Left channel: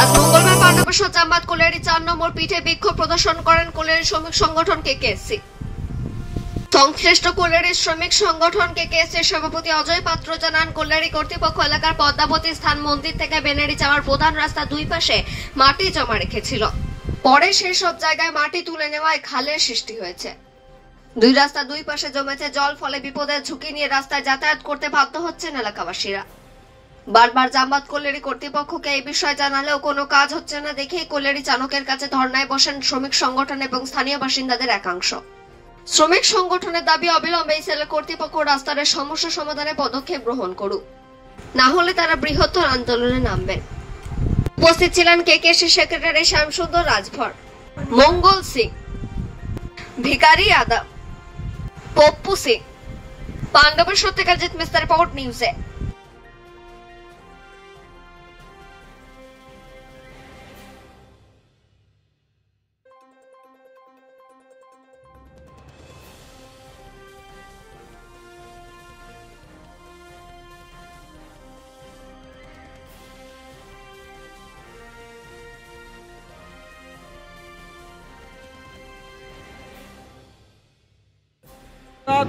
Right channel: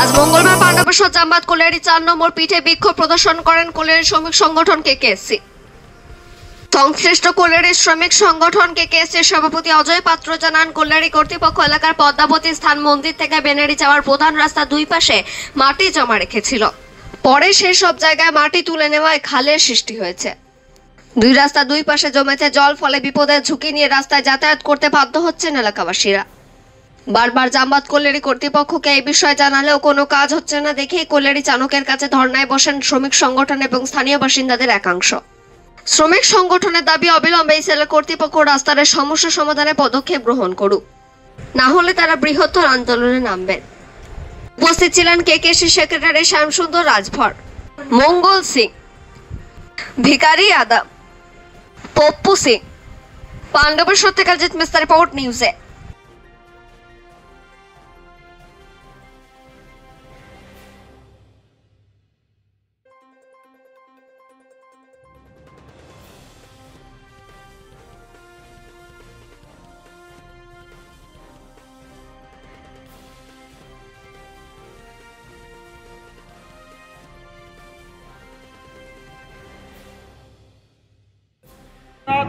আজ মঙ্গলবার পাণ্ডবেশ্বর জামবাদ কোলিয়ারি ৪ নম্বর পিঠে বিক্ষোভ প্রদর্শন করেন কোলিয়ারি শ্রমিক সংগঠন কেকেএসসি। সংশ্লিষ্ট কোলিয়ারি শ্রমিক সংগঠন কেকেএসসির সভাপতি অজয় পাত্র জানান, কোলিয়ারি কর্তৃপক্ষ এলাকার পদ্মাবতী স্থান মন্দির থেকে বেনারি যাওয়ার প্রধান রাস্তা দুই পাশে মাটি জমা রেখেছিল। পরে সেই সব জায়গায় মাটি তুলে নেওয়ায় খালের সৃষ্টি হয়েছে। দুই রাস্তা দুই পাশে জমেছে জল, ফলে বিপদের ঝুঁকি নিয়ে রাস্তায় যাতায়াত করতে বাধ্য হচ্ছেন এলাকাবাসীরা। বারবার জামবাদ কোলিয়ারি কর্তৃপক্ষকে এই বিষয়ে জানালেও কোনো কাজ হচ্ছে না দেখেই কোলিয়ারি চানকের কাছে ধর্নায় বসেন শ্রমিক সংগঠন এবং স্থানীয় বাসিন্দাদের একাংশ। শ্রমিক সংগঠনের দাবি, অবিলম্বে এই সেলের কর্তৃপক্ষ রাস্তার সমস্যা সমাধানে পদক্ষেপ গ্রহণ করুক, না হলে তারা বৃহত্তর আন্দোলনে নামবেন। উপস্থিত ছিলেন কেকেএসসি সেক্রেটারি শ্যামসুন্দর রাজভর, মঙ্গল সিং, ভিকারি আদম, পপ্পু সিং। পাণ্ডবেশ্বর থেকে জিত মিস্টার রিপোর্ট নিউজে।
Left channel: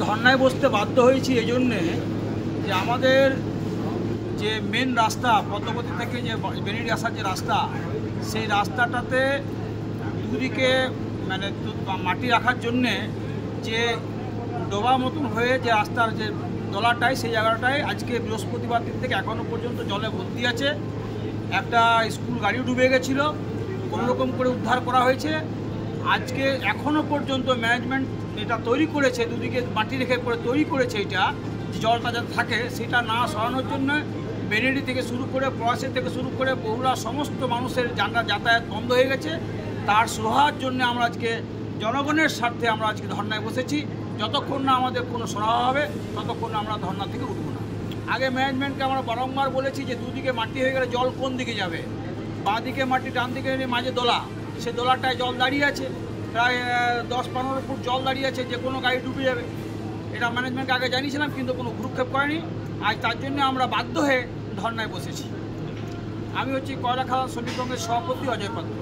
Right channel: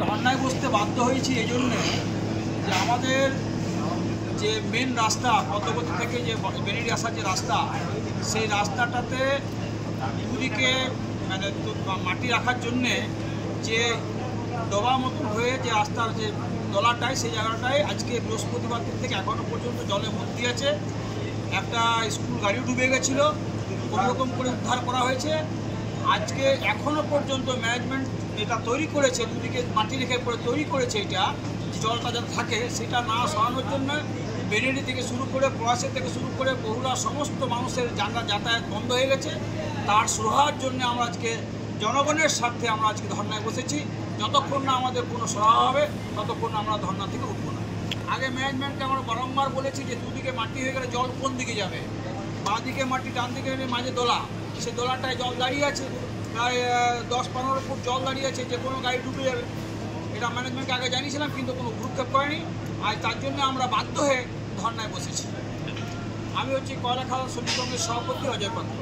ধর্নায় বসতে বাধ্য হয়েছি এই জন্যে যে আমাদের যে মেন রাস্তা পদ্মাবতী থেকে যে বেনারি আসার যে রাস্তা, সেই রাস্তাটাতে দুদিকে মানে মাটি রাখার জন্যে যে ডোবা মতন হয়ে যে রাস্তার যে দলাটাই, সেই জায়গাটায় আজকে বৃহস্পতিবার দিন থেকে এখনও পর্যন্ত জলে ভর্তি আছে। একটা স্কুল গাড়িও ডুবে গেছিলো, কোনোরকম করে উদ্ধার করা হয়েছে। আজকে এখনও পর্যন্ত ম্যানেজমেন্ট এটা তৈরি করেছে, দুদিকে মাটি রেখে করে তৈরি করেছে, এটা যে জলটা যাতে থাকে সেটা না সরানোর জন্য বেনারি থেকে শুরু করে পলাশী থেকে শুরু করে বহুরা সমস্ত মানুষের যাতায়াত বন্ধ হয়ে গেছে। তার সুরাহার জন্য আমরা আজকে জনগণের স্বার্থে আমরা আজকে ধর্নায় বসেছি। যতক্ষণ না আমাদের কোনো সুরাহা হবে ততক্ষণ আমরা ধর্না থেকে উঠব না। আগে ম্যানেজমেন্টকে আমরা বারংবার বলেছি যে দুদিকে মাটি হয়ে গেলে জল কোন দিকে যাবে, বাঁ দিকে মাটি, ডান দিকে মাঝে দোলা, সেই দোলাটায় জল দাঁড়িয়ে আছে, প্রায় 10-15 ফুট জল দাঁড়িয়ে আছে, যে কোনো গাড়ি ডুবে যাবে। এটা ম্যানেজমেন্টকে আগে জানিয়েছিলাম, কিন্তু কোনো ভ্রুক্ষেপ করেনি। আজ তার জন্য আমরা বাধ্য হয়ে ধর্নায় বসেছি। আমি হচ্ছি কয়লা খাদান শ্রমিক সংঘের সভাপতি অজয় পাত্র।